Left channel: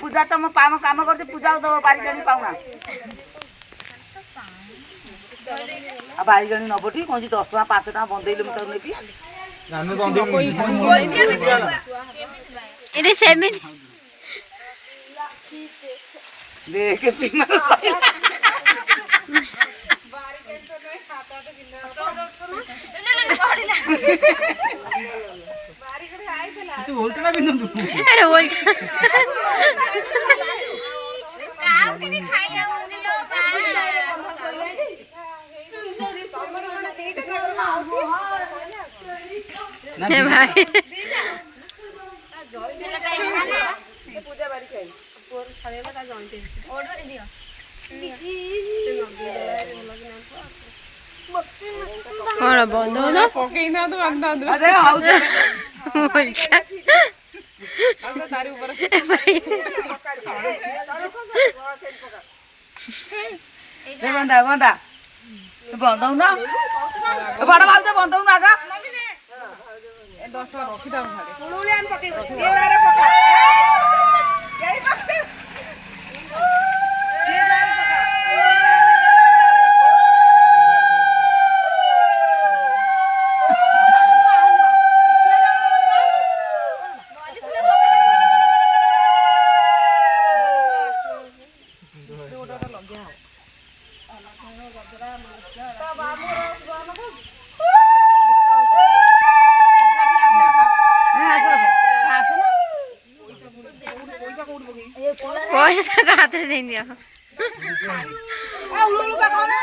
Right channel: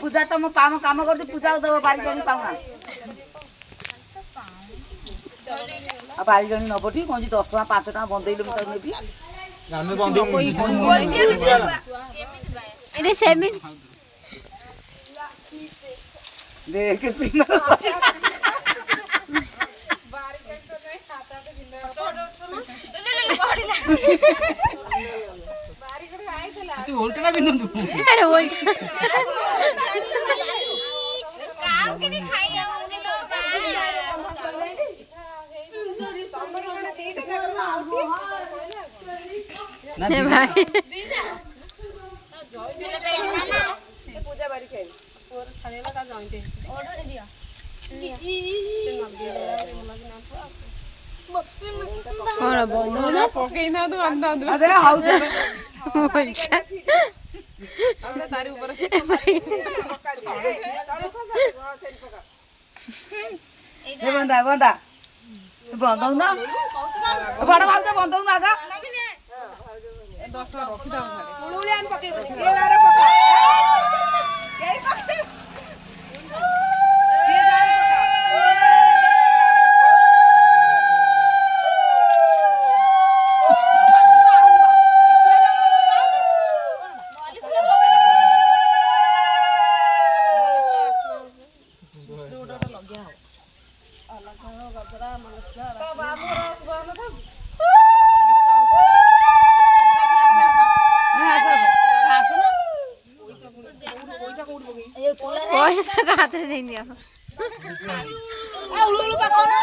पूजा तो मो काम कर पूजा दब बारिकाणी पाऊना बारिकाणी नबटी कौन 10 टका 5 टका बंदेले मुझे नेबी देख तू उल्टा बिंदु तू अरे उल्टा काऊ के नहीं खाइया उन्हें लो हे भाई पूजा बारी खाई और छड़ेला का जानते ऑर्डर दियो कौन बंद हो ना पकेई ना तो अंदा अंदा अरे हाउ उल्टा अंदा तारी ऊपर गंदा गंदा बंद हो ना बड़ बाल तो बंद हो ना आगा 10 टका रखी दाम घरे उड़ुले हम पके ये बारे पका यही पके ये जारे पैसा का हाथ से दे दिया उड़ू उड़ू पकाओ ना